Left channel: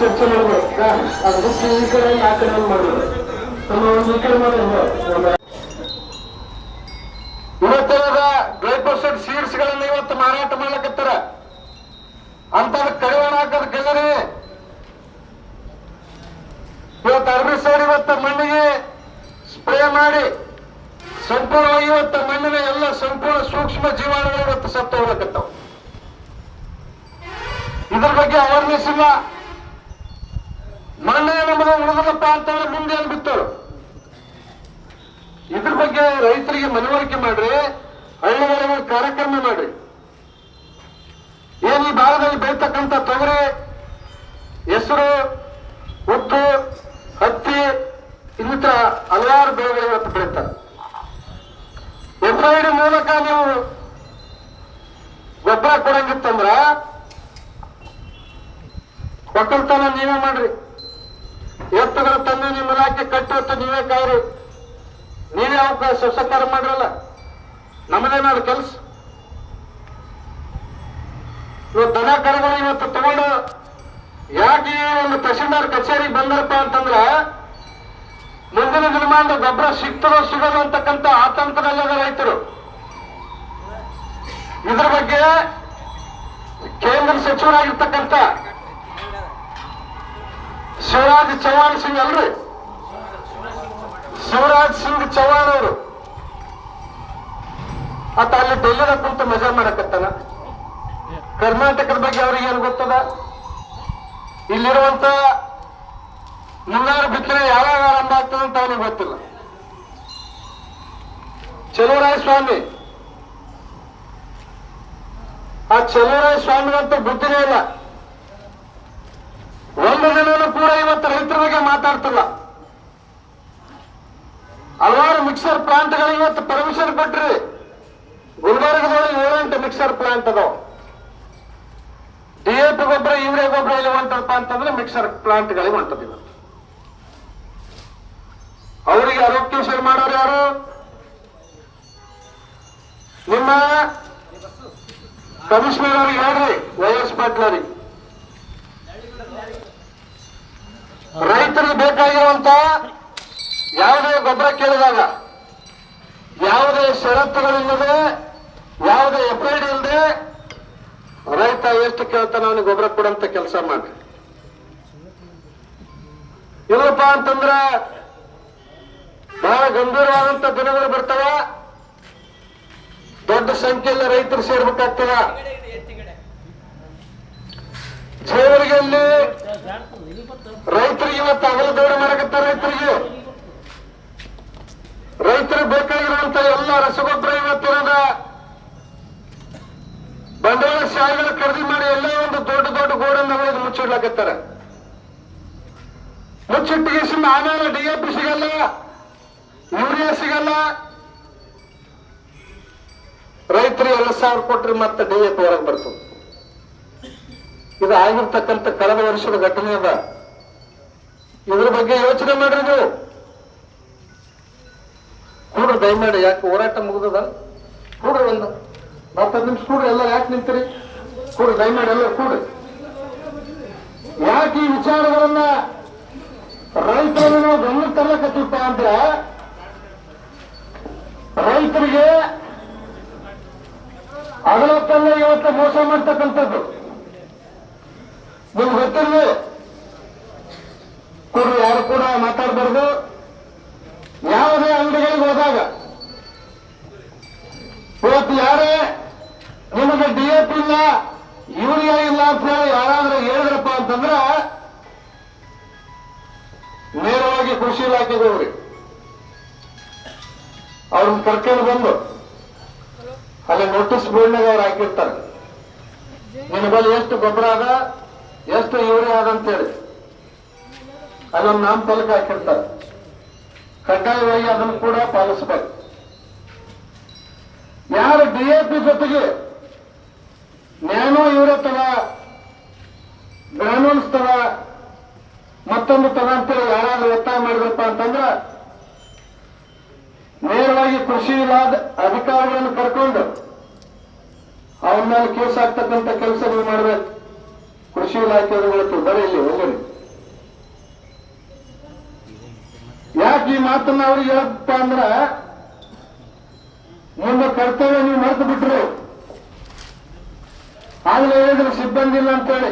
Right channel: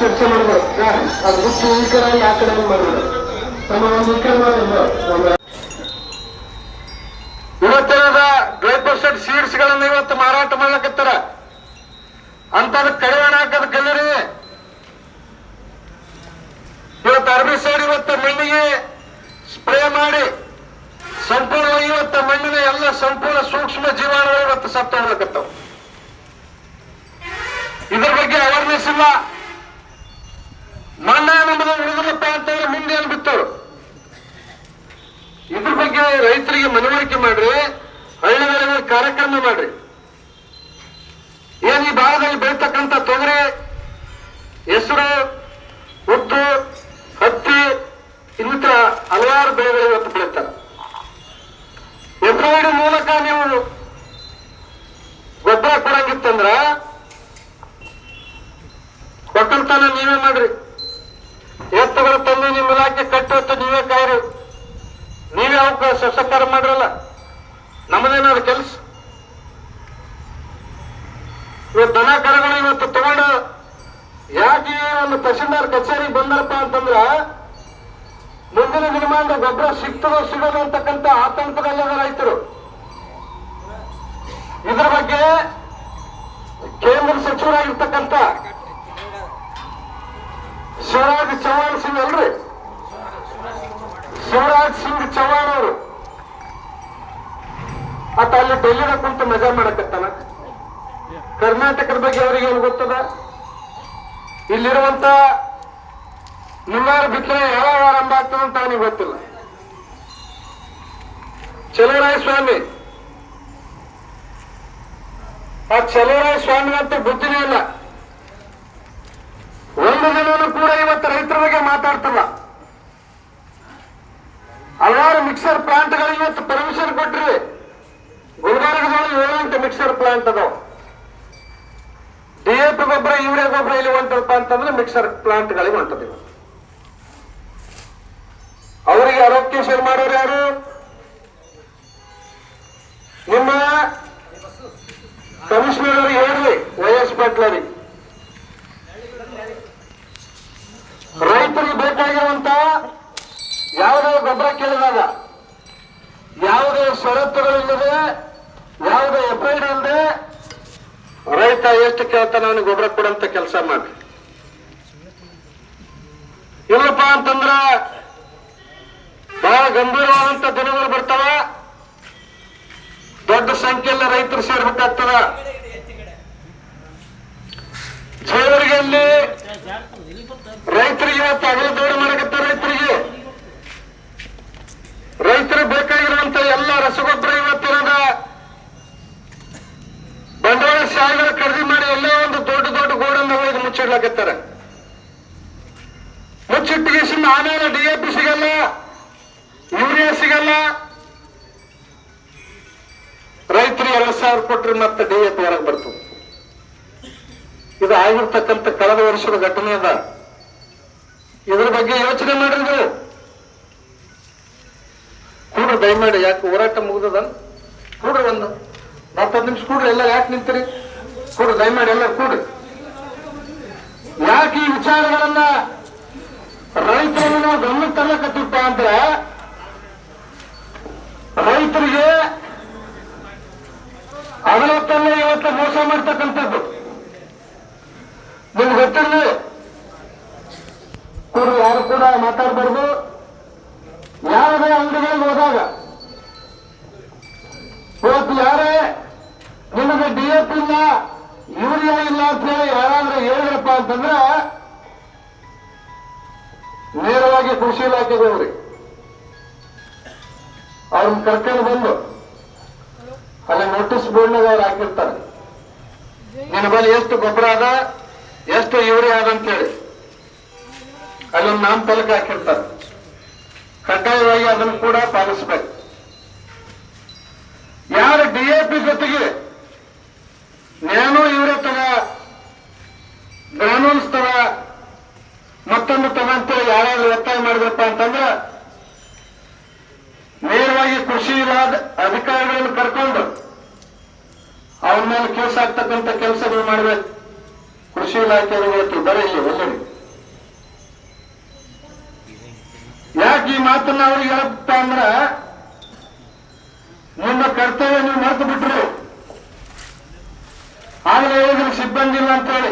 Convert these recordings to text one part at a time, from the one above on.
ಚರ್ಚೆ ಮಾಡಬೇಕು. ಅದು ಈ ಕಡೆ ಆ ಕಡೆ ಮಾಡಬೇಕು. ನಮ್ಮ ಒಂದು ಈ ಕಡೆ ಮಾಡೋದು ಇವತ್ತೇನದ 5% ಸೀಡ್ಸ್ ಗಳನ್ನ ಇವತ್ತು ಮಾರಾಟ ಮಾಡ್ಲಕತ್ತಾರ ಅಂತದ ಕಡಿವಾಣ ಹಾಕದ ಕಲ್ಲರಿ. ಇವತ್ತು ಅರ್ಬಿಸೈಡ್ ಇವತ್ತ ಮಣ್ಣಿಗೆ ಸ್ಪ್ರೇ ಮಾಡಿ ಸಂಪೂರ್ಣವಾಗಿ ಇವತ್ತ ಮಣ್ಣಿನ ಎಲ್ಲ ಸಂಪೂರ್ಣ ಸೂಕ್ಷ್ಮ ಜೀವಾಣುಗಳು ಇವತ್ತು ಸತ್ತು ಹೋಗ್ಲಕತ್ತಾವ. ಇದ್ರ ಬಗ್ಗೆ ಅವೇರ್ನೆಸ್ ಇಲ್ಲ. ಮಣ್ಣ ನಮ್ಮದು ಉಳಿದಪ್ಪ ಅಂತಂದ್ರೆ ಮುಂದೆ ಏನು ಬಿತ್ತರು. ಇದ್ರ ಬಗ್ಗೆ ರೈತರಿಗೆ ಮನವರಿಕೆ ಮಾಡ್ರಿ, ಹಳ್ಳಿಗಳಲ್ಲಿ ಕಾರ್ಯಕ್ರಮ ಮಾಡ್ರಿ. ಏನ್ ಈ ಭಾಗದಲ್ಲಿ ಬೆಳತಕ್ಕಂಥ ತೊಗರಿ, ಹೆಸರು, ಉದ್ದು, ಹತ್ತಿ ಇನ್ನಿತರ ಹಲವಾರು ಬೆಳೆಗಳು ಇವತ್ತು ಬೆಳೀತಾರೆ. FID ಮೂಲಕ ನೀವು ಗೊಬ್ಬರ ಕೊಡಂಗಿತ್ತಂದ್ರ ಒಕ್ಕಲ್ತನ ನೀವೇ ಮಾಡ್ರಿ. ಎತ್ತುಗಳ ತಂದು ನಿಮ್ಮ ಇಲಾಖೆ ಕಟ್ಟಿ ಹೊತ್ತು ನೀವೇ ಕಾಯ್ರಿ. ನೀವೇ ಅವಕಾಶ ಸಹಕಾರ ಮಾಡ್ರಲ್ಲ, ನಮ್ಮದೇನಾದ್ರು ಕೆಲಸ. ಇವತ್ತು ದನ ಕರುಗಳು ಇವತ್ತು ತಗೊಂಡು ಯಾಕೆ ಒಂದು ತಹಶೀಲ್ದಾರ್ ಕಚೇರಿ ಬಂದರಪ್ಪ ಅಂತಂದ್ರ ಮುಂದಿನ ದಿನಮಾನದ ಗೊಬ್ಬರ ಸಿಗ್ತದೋ ಸಿಗೋದು ಅಂತಕ್ಕಂಥ ಆತಂಕದಲ್ಲಿರುವ ರೈತರು. ಇದ್ರ ಬಗ್ಗೆ ಕೇಂದ್ರ ಸಚಿವರಾಗಿರ್ತಕ್ಕಂಥ ಶಿವರಾಜ್ ಚೌಹಾಣ್ ಸಿಂಗ್ ಅಲ್ರಿ, ಶಿವರಾಜ್ ಸಿಂಗ್ ಚೌಹಾಣ್ ಅವರು ಆತ ಅಲ್ಲಿ ಡೆಲ್ಲಿದಾಗ ಕುಂತು ಮಜಾ ಮಾಡಕತ್ತಾನ. ಕರ್ನಾಟಕದ ಬಗ್ಗೆ ಅವ್ರಿಗೆ ಏನು ಗೊತ್ತದ? ಇಲ್ಲಿರುವಂತ ಮುಂಗಾರು ಬಿತ್ತನೆ ಯಾವಾಗ ಆರಂಭ ಆಗ್ತದೆ ಅಂತ ಅವನಿಗೆ ಗೊತ್ತಿಲ್ಲ. ಚಲುವರಾಯ ಸ್ವಾಮಿ, ಆ ಚಲುವರಾಯ ಸ್ವಾಮಿ ಅಂತ ಬುದ್ಧಿನೇ ಇಲ್ಲ. ಒಂದು ದಿನವೂ ಕೂಡ ಇವತ್ತು ರೈತರ ಬಗ್ಗೆ ಮಾತಾಡ್ತಲ್ಲ. ಹಲವಾರು ಮಿಕ್ಸರ್ ಪ್ಲಾಂಟ್ಗಳು ಇವತ್ತು ಪರ್ಮಿಷನ್ ಕೊಟ್ರಿ. ಗುಲ್ಬರ್ಗದೊಳಗೆ 7 ಮಿಕ್ಸರ್ ಪ್ಲಾಂಟ್ ಅದಾವ. DAP ಗೊಬ್ಬರ, ಯೂರಿಯಾ ಗೊಬ್ಬರ ಇಲ್ಲಿ ಹೊಂಟಪ್ಪ ಅಂತಂದ್ರೆ ಮಿಕ್ಸರ್ ಪ್ಲಾಂಟ್ಗಳಿಗೆ ಹೊಂಟದ. ಅವರಿಗೆ ಆರೋಗ್ಯ ಸೇವೆ ಮಾಡೋರು ಯಾರು? ನಿಮ್ಮ ಕಮಿಷನರ್ ಅವರಿಗೆ ಹೇಳ್ರಿ, YS ಪಾಟೀಲ್. ರೈತರಿಗೆ ಬೇಕಾಗಿರುವಂತ ಯಾವುದೇ ಗೊಬ್ಬರ ಕೇಳಿದಾಗ ಯಾವುದೇ ಷರತ್ತುಗಳಿಲ್ಲದೆ, ಯಾವುದೇ FID ಇಲ್ಲದೆ ರೈತ ಎಷ್ಟು ಕೇಳ್ತಾನೆ ಅವನಿಗೆ ಗೊಬ್ಬರ ಕೊಡಂತ ಕೆಲಸ ಮಾಡಿ. ಇಲ್ಲಪ್ಪ ಅಂತಂದ್ರ ಬಹಳ ಗಂಭೀರವಾದಂತ ದಿನಗಳು ಬರ್ತಾವ. ದೊಡ್ಡ ಸಂಖ್ಯೆಯಲ್ಲಿ ರೈತರು ಸೇರ್ಬೇಕಾಗ್ತದ. ಜೇವರಿಗೆಯಲ್ಲಿ ರೈತರಿಗೆ ಇವತ್ತು ಅಗಲ ದೋಡಿ ಮಾಡಕತ್ತಾರ. ರೈತರಿಗೆ ಬೇಕಾಗಿರುವಂತ ಎಲ್ಲ ರಸಗೊಬ್ಬರ ಇವತ್ತಿನ ಬಂಡವಾಳ ಶಾಲೆಗಳ ಖರೀದಿ ಮಾಡಿ ಎಲ್ಲ ಒಂದು ದೊಡ್ಡ ದೊಡ್ಡ ಗೋಡನ್ನು ಹೊಡೆದು ಮುಚ್ಚಿಡ್ಲಾಕತ್ತಾರ. ಮುಚ್ಚಿಟ್ಟಿಗೆ ಆಮೇಲೆ DAP ಸಿಗಲ್ಲ, ಯೂರಿಯಾ ಸಿಗಲ್ಲ. ರೈತರಿಗೆ 2,000 ಕೊಟ್ರೆ ಮತ್ತೆ DAP ಹೊರಗೆ ಬರ್ತದೆ. ಇದು ಆಗಿರ್ತಕ್ಕಂಥ ಕಳೆದ ವರ್ಷದ ಘಟನೆ ಅದ. ಇದ್ರ ಬಗ್ಗೆ ಯೋಚನೆ ಮಾಡ್ರಿ ನೀವು. ಕೂಡ್ರಿ ದಯಮಾಡಿ. ಯಾಕೆ ಹೋರಾಟ ಮುಗಿದದ? ಕೂಡ್ರಿ, ಒಂದು 10 ನಿಮಿಷ ಕೂಡ್ರಿ. ಎಲ್ಲ ಯಾಕೆ ನಿಂತೀರಿ? ಕೂಡ್ರಿ ದಯಮಾಡಿ, ಎಲ್ಲ ಕೂಡ್ರಿ. ಯಾಕೆ ಈ ವಿಚಾರಗಳನ್ನ ರೈತರನ್ನು ನಾವು ಗಮನಕ್ಕೆ ತರಕತ್ತಿಪ್ಪ ಅಂದ್ರೆ, ರೈತರಿಗೆ ಅಗಲಕ್ಕಲ್ಲೇ ಇವತ್ತು ಮೋಸ ಮಾಡ್ತಕ್ಕಂಥದ್ದು ನಿಮ್ಗೆ ಗೊತ್ತಿರಲಿ. ಕೂಡ್ರಿ, ಯಾರು ಕೂಡ ಮಾತಾಡಬಾರ್ದು. ಯಾವುದೇ ಅಂಗಡಿಗಳಿಗೆ ಹೋದಾಗ ಇವತ್ತು ಯಾರೇ ನಿಮಗೆ DAP ಇಲ್ಲ, ಯೂರಿಯಾ ಇಲ್ಲ ಅಂತ ಹೇಳಿ ಯಾರಾದ್ರೂ ಹೇಳಿದ್ರಪ್ಪ ಅಂತಂದ್ರೆ ನೇರವಾಗಿ ಕೃಷಿ ಇಲಾಖೆಗೆ ಹೋಗ್ರಿ. ಅವ್ರನ್ನ ಕರ್ಕೊಂಡು ಬಂದು ಅಲ್ಲಿ ನೋಟಿಸ್ ಬೋರ್ಡ್ನಾಗ ಅವ್ರು ಹಾಕಿರ್ತಾರೆ. ನಿನ್ನ ಬಳಿ ಎಷ್ಟು ಗೊಬ್ಬರ ಅದ, ಎಷ್ಟು ಯೂರಿಯಾ ಅದ ಅಂತೇಳಿ ಅಲ್ಲೊಂದು ನಾಮಫಲಕ ಹಾಕಿರ್ತಾರೆ. ಕಡ್ಡಾಯವಾಗಿ ಅದನ್ನು ಕೂಡ ಪಾಲಿಸಬೇಕು. ಯಾರು DAP ಜೊತೆಗೆ ನ್ಯಾನೋ ಯೂರಿಯಾ ತರ, ಗ್ರಾನೂಲ್ಸ್ ತರ, ಮತ್ತೊಂದು ತರ ಅಂತೇಳಿ ಯಾರಾದ್ರೂ ಒತ್ತಾಯ ಮಾಡಿದ್ರಪ್ಪ ಅಂತಂದ್ರೆ ನೇರವಾಗಿ ಕೃಷಿ ಇಲಾಖೆ ಅಧಿಕಾರಿಗಳನ್ನು ಕರ್ಕೊಂಡು ಅವನ ಮೇಲೆ ಕೇಸ್ ಆಗ್ತಕ್ಕಂಥ ಕೆಲಸ ನೀವು ಮಾಡಬೇಕು. ಕೃಷಿ ಇಲಾಖೆ ಬರೀ ಇಲ್ಲಿ ಒಳ್ಳೆಯ ಯಾಕೆ ಈ ಮಾತನ್ನ ಅವ್ರಿಗೆ ಹೇಳ್ತಾ ಅಂದ್ರ ನಿಮ್ಮ ಕರ್ತವ್ಯ ನೀವು ಮರೆತು ಬಿಟ್ರು. ಆಗಲೇ ಹೇಳಿದ್ರು ಸಿಬ್ಬಂದಿ ಇಲ್ಲ ಅಂತೇಳಿ.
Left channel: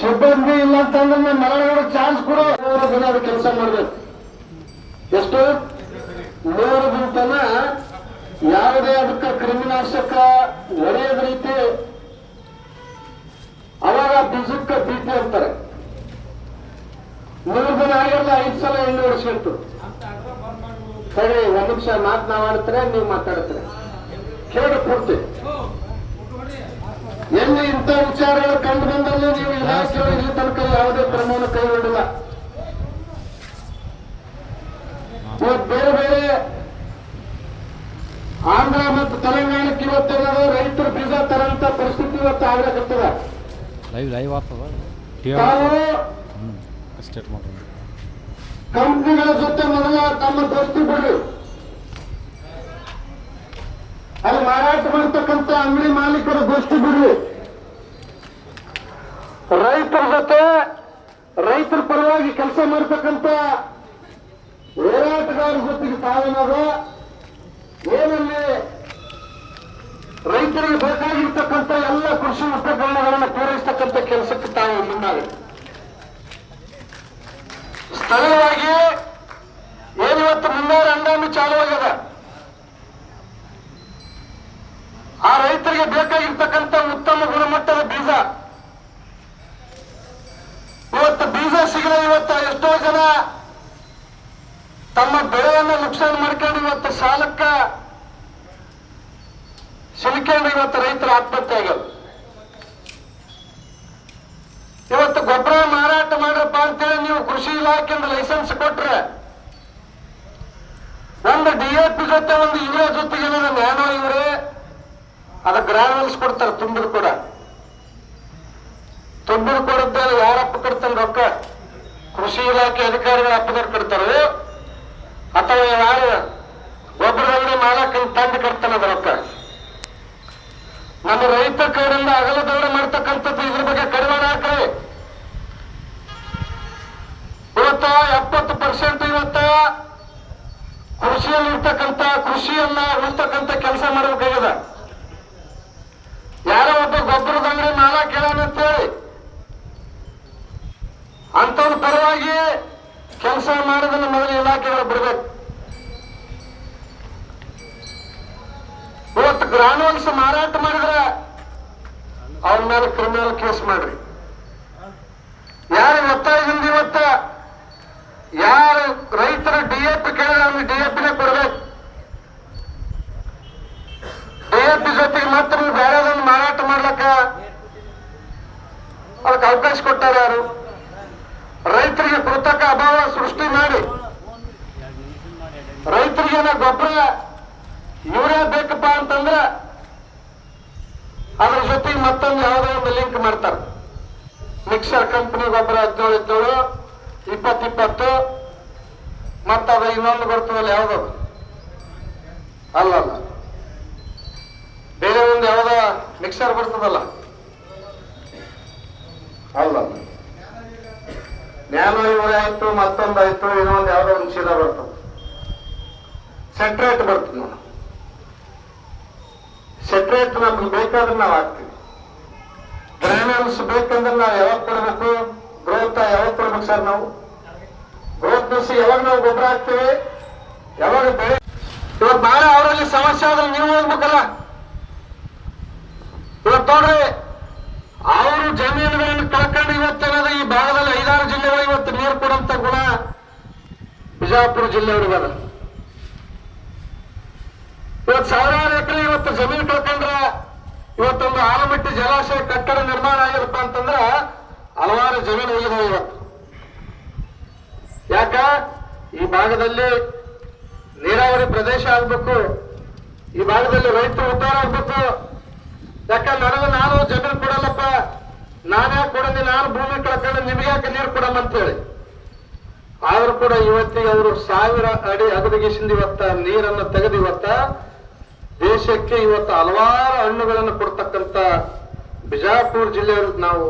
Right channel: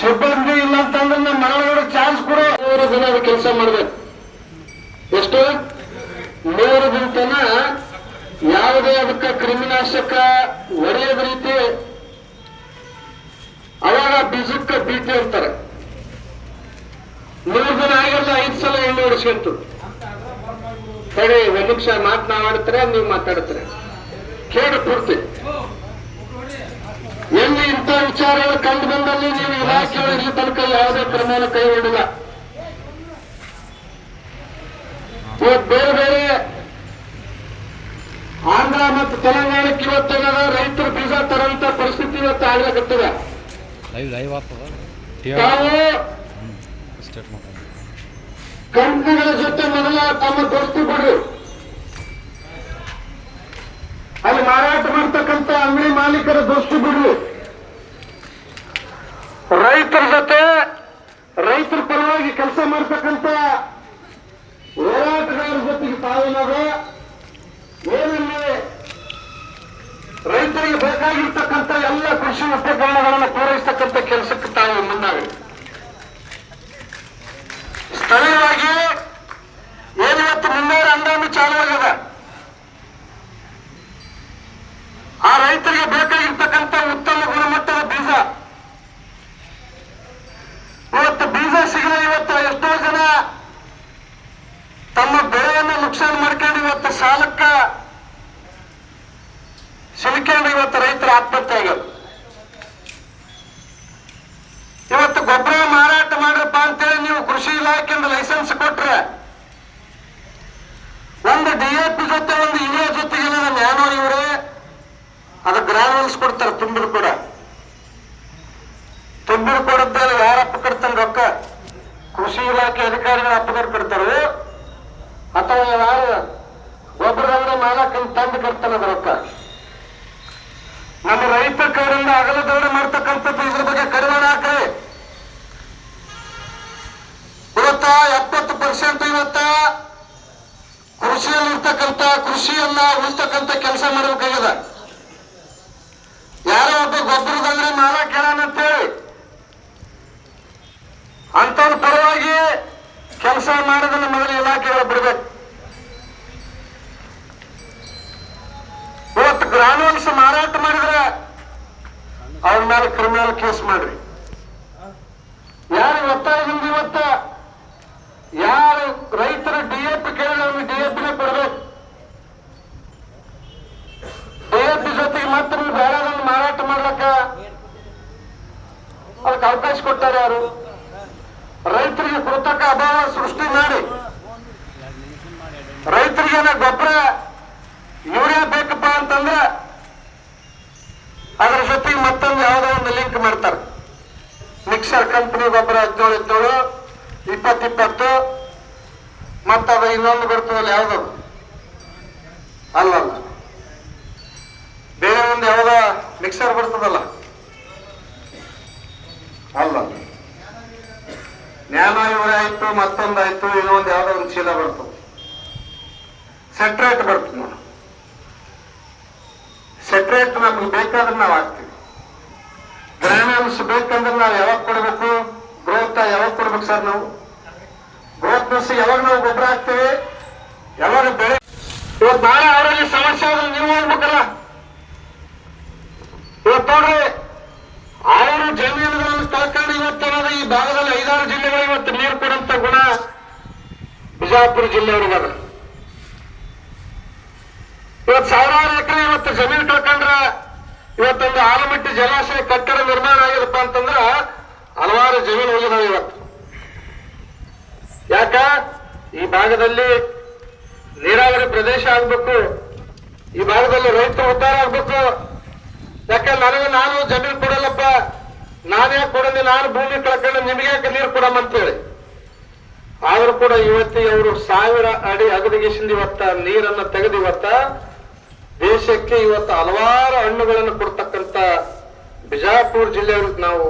ಸಿಬ್ಬಂದಿ ಇಲ್ಲ ಅಂತಂದ್ರೆ ನಮ್ಮ ಮರಳಗಡೆ ಚಾನ್ಸ್ ಕೊಡು. 3 ದಿನ ಅದು ಕೆಲಸ ಮಾಡ್ಬೇಕು. ಎಷ್ಟು 3 ದಿನ ತನ ಯಾವುದೇ ಅದಕ್ಕೆ ಕ್ರಿಮಿನಾಶಕ ಹೊಡೆಯದ ರೀತಿ. ಅವಾಗ ಬೀಜಕ್ಕೆ ಬೀಟಿ ಅಂತಾರೆ. 3 ದಿನ ಆಗಿರಲ್ಲ 5 ಸಲ ಎಣ್ಣೆ ಹೊಡಿಸ್ಕೊಂತು. ಸರಿ, 1 ನಿಮಿಷ ಮಾತನಾಡ್ತಾರೆ, ನೀವು ಮಾತಾಡ್ತಾರೆ, ಕೇಳಿ ಪೂರ್ತಿ. ಎಲ್ಲಿ ಇಂಥ ವಿಚಾರಗಳು ಕಂಡು ಬಂದಲ್ಲಿ ನೀವು ಇಲಾಖೆಗಳು ಇಲ್ಲಿ ತನಕ ಯಾವುದೇ ಪ್ರಮಾಣ ಕೈಗೊಂಡಿಲ್ಲ. ಇವತ್ತು ಬೇರೆ ಬೇರೆ ಆಂಧ್ರ ಮತ್ತು ತೆಲಂಗಾಣಕ್ಕೆ ಇವತ್ತೇನಾದ ರೈತರು ಬೀಜ ತರಂತ ಪರಿಸ್ಥಿತಿ ಇವತ್ತು ಆಗ್ಲಿಕ್ಕತ್ತದೆ. ತಾವು ಕಂಪನಿಗಳ ಜೊತೆ ಮೊದಲ ತಮ್ಮ ದೋಸ್ತಿ ಕೊಡಿ. ಅಲ್ಲಿ ಮಾರಾಟ ಮಾಡ್ತಕ್ಕಂಥ ಅಂಗಡಿ ಮಾಲೀಕರ ದೋಸ್ತಿ ಬಿಡ್ರಿ. ರೈತರ ಜೊತೆ, ರೈತರ ಪರವಾಗಿ ಕೆಲಸ ಮಾಡ್ತಕ್ಕಂಥ ಹೋರಾಟಗಾರರ ಜೊತೆಗೆ ತಾವೇನಾದ್ರು ಏನಲ್ಲಿ ರೈತರಿಗೆ ಬೇಕಾಗಿರ್ತಕ್ಕಂಥ ಎಲ್ಲ ಕೃಷಿ ಉಪಕರಣಗಳನ್ನು ಪೂರೈಸತಕ್ಕಂಥ ಕೆಲಸಕ್ಕೆ ತಾವು ಮುಂದಾಗಲಿ. ಸ್ಥಳೀಯವಾಗಿ ಏನಿವತ್ತು ಮುಂಗಾರು ಹಂಗಾಮಿ ಚಾಲುವಾಗಿದೆ, ಆ ರೈತರಿಗೆ ಬೇಕಾಗಿರ್ತಕ್ಕಂಥ ಉತ್ತಮ ಗುಣಮಟ್ಟದ ಬೀಜ ಇವತ್ತು ಬೀಜ ಸಿಗಲ್ಲ. ಇವತ್ತು ಎಷ್ಟೋ ಜನ ತಮ್ಮ ಬೆಳೆಯನ್ನು ನುಕ್ಸಾನ ಮಾಡ್ಕೊಂಡು ಇವತ್ತು ಸಾಲಕ್ಕ ಸಿಲುಕೊಂಡು ಇವತ್ತು ರೈತರ ಆತ್ಮಹತ್ಯೆ ಆಗೋದು. ಇವತ್ತು ಗೊಬ್ಬರ ಮಾರಾಟ ಮಾಡ್ರಪ್ಪ ಅಂತೇಳಿ ನೀವು ಕೃಷಿ ಇಲಾಖೆಯಿಂದ ಲೈಸೆನ್ಸ್ ಕೊಟ್ರೆ ಒಂದು DAP ಜೊತೆ ಒಂದು ಯೂರಿಯಾ ಜೊತೆಗೆ ನ್ಯಾನೋ ಇವರೇ ಅದು ಗ್ರಾನುಲ್ಸ್ ಕೊಡ್ತಾರೆ. ತುಂಬಿರು ಕೂಡ ತುಂಬಿರು ಕೊಡದ್ದಲ್ಲಿ ಯಾರಪ್ಪ ಕೊಡ್ತಾನೆ ರೊಕ್ಕ? ಕೃಷಿ ಇಲಾಖೆ ಅಧಿಕಾರಿಗಳ ಅಪ್ಪದವ್ರು ಕೊಡ್ತಾರೆ, ಅಥವಾ ಯಾರು ಗೊಬ್ಬರ ಅಂಗಡಿ ಮಾಲಕ ತಂದು ಕೊಡ್ತಾನೆ ರೊಕ್ಕ. ನಮ್ಮ ರೈತ ಕಡೆಯಿಂದ ಅಗಲದವರೆ ಮಾಡ್ತಕ್ಕಂಥದ್ದು ಇದ್ರ ಬಗ್ಗೆ ಕಡಿಮೆ ಹಾಕ್ರಿ. ಇವತ್ತ 70% ಇವತ್ತ ಕೃಷಿಯಲ್ಲಿ ಇರ್ತಕ್ಕಂಥ ಕೃಷಿಯನ್ನ ಉಳಿಸ್ತಕ್ಕಂಥ ಕೆಲಸ ಮಾಡಬೇಕಾಗಿದೆ. ಯಾರೋ ಒಬ್ಬ ಗೊಬ್ಬರದ ಅಂಗಡಿ ಮಾಲಕ ಹೇಳಂತೇಳಿ ಅಂತವ್ರ ಪರವಾಗಿ ಕೆಲಸ ಮಾಡೋದನ್ನ ಮೊದಲು ಇಲಾಖೆಗಳು ಬಿಡಬೇಕು. ಇವತ್ತು ಗ್ರಾನುಲ್ಸ್ ಮಾರಾಟ ಮಾಡಿದ್ರೆ ಅವ್ರ ಮೇಲೆ ಕ್ರಿಮಿನಲ್ ಕೇಸ್ ಮಾಡ್ರಿ. ಯಾರು ಒತ್ತಾಯದಿಂದ ಇವತ್ತ ಯಾರು ರೈತರು DAP ಕೇಳಿದ್ರೆ ಅವ್ರಿಗೆ DAPನೇ ಕೊಡ್ಬೇಕು. DAP ಜೊತೆಗೆ ಮಾತ್ರ ನೀವು ಬೇರೆದನ್ನು ಮಾರಾಟ ಮಾಡ್ಲಕ್ಕ ಅದಕ್ಕೆ ಅವಕಾಶ ಕೊಟ್ಟಾರೆ ಯಾರು? ರೈತರಿಗೆ ಕೃತಕ ಅಭಾವ ಸೃಷ್ಟಿ ಮಾಡಿ ರೈತರಿಗೆ ಗೊಬ್ಬರ ಯೂರಿಯಾ ಬೇಕಪ್ಪ ಅಂತಂದ್ರೆ ಅದ್ರ ಜೊತೆಗೆ ಮತ್ತೊಂದು ಯಾವುದೋ ಒಂದು ಲಿಂಕ್ ಮಾಡ್ತಾರೆ. ಮಿಕ್ಸರ್ ಕಂಪನಿ ಗೊಬ್ಬರ 17 20 ಮತ್ತದ ಇನ್ನೊಂದು ಬರ್ತದಲ್ಲ ಯಾವ್ದದು ಅಲ್ಲಲ್ಲ, ಬೇರೆ ಒಂದು ಯಾವ್ದ ಮಿಕ್ಸರ್ ಬರ್ತದಲ್ಲ ಅಲ್ಲ, ನ್ಯಾನೋ ಯೂರಿಯಾ ಆಯ್ತು, ಮತ್ತೊಂದಾಯ್ತು, ಇನ್ನೊಂದು ಯಾವ್ದೋ ಒಂದು ಚೀಲ ಬರ್ತದೆ, ಸೆಟ್ರೇಟ್ ಬರ್ತದೆ. ನಾವು ಸೆಟ್ರೇಟ್ ನಮ್ಗೆ ಬೇಕಾದ್ರೆ ನಾವು ಹಾಕ್ತೀವಿ. ಗ್ರಾನುಲ್ಸ್ ಬೇಕಂದ್ರೆ ನಾವು ಯಾವಾಗ ಕೊಡ್ಬೇಕು? ಗ್ರೋತ್ ಯಾವಾಗ ಕೊಡ್ಬೇಕು ಸರ್? ನಾವು ಗ್ರೋತ್ ನ್ಯೂಸ್ ಯಾವಾಗ ನಾವು ಗೊಬ್ಬರ ಹಾಕ್ತೀವಿ, ಯಾವಾಗ ಬೆಳೆ. ಇವತ್ತು ನಾಳೆ ಅವರಲ್ಲಿ ಸಮಸ್ಯೆ ಆದ್ರೆ ನೀವು ಹೋಗ್ಬೇಕಲ್ಲ. ಇವತ್ತು ನೋಡ್ರಿ, ಅವರು ಜಮೀನುಗಳನ್ನು ಕಳ್ಕೊಂಡು ಇವತ್ತೇನಾದ್ರೆ ಈ ಭಾಗದಲ್ಲಿ 5-6 ಜಿಲ್ಲೆಗಳು ಇವತ್ತು ನೀರು ಕೊಡುವಂತ ಗುಣ ಬಿಜಾಪುರ ಜಿಲ್ಲೆಯವರಿಗದ. ಇವತ್ತು ಸಾವಿರಾರು ಎಕರೆ ಇವತ್ತು ಜಮೀನು ಕಳ್ಕೊಂಡ್ರ ಇವತ್ತೊಂದು ಆಲಮಟ್ಟಿ ಜಲಾಶಯ ಕಟ್ಟಡ ನಿರ್ಮಾಣ ಆಗಿರಪ್ಪ ಅಂತಂದ್ರ ಹಲವಾರು ಜಮೀನು ಹೋಗಿದಾವೆ ಇವತ್ತು. ಯಾಕ ಈ ಭಾಗದಲ್ಲಿ ನೀರಾವರಿ ಪ್ರದೇಶ ಆಗ್ಬೇಕು, ಈ ಭಾಗದಲ್ಲಿ ರೈತರು ಉದ್ಧಾರ ಆಗ್ಬೇಕು. ಯಾಕಂದ್ರೆ ನಾನು ಜಮೀನು ಕೊಡಲ್ಲಪ್ಪ, ನಾನ್ಯಾಕೆ ಕೊಡೋದು, ನಾನು ಭೂಮಿ ಕಳ್ಕೊಂಡು ನಿಮಗೆ ಯಾಕೆ ನೀರು ಕೊಡಮ್ಮಂತೇಳಿ. ಆದ್ರೂ ಕೂಡ ಇವತ್ತಿಗೆ ಅವರು 1000 ಅಡಿ ಅಗದಿಗೆಸಿಂದ ಇವತ್ತ ನೀರನ್ನು ತೆಗೆದು ಇವತ್ತ ದೇಶಕ್ಕೆ ಇವತ್ತು ಹಲವಾರು ಹಣ್ಣುಗಳನ್ನು ಕೊಡ್ತಕ್ಕಂಥ ಬಿಜಾಪುರ ಜಿಲ್ಲೆಯವ್ರಿಗೆ ನಾವು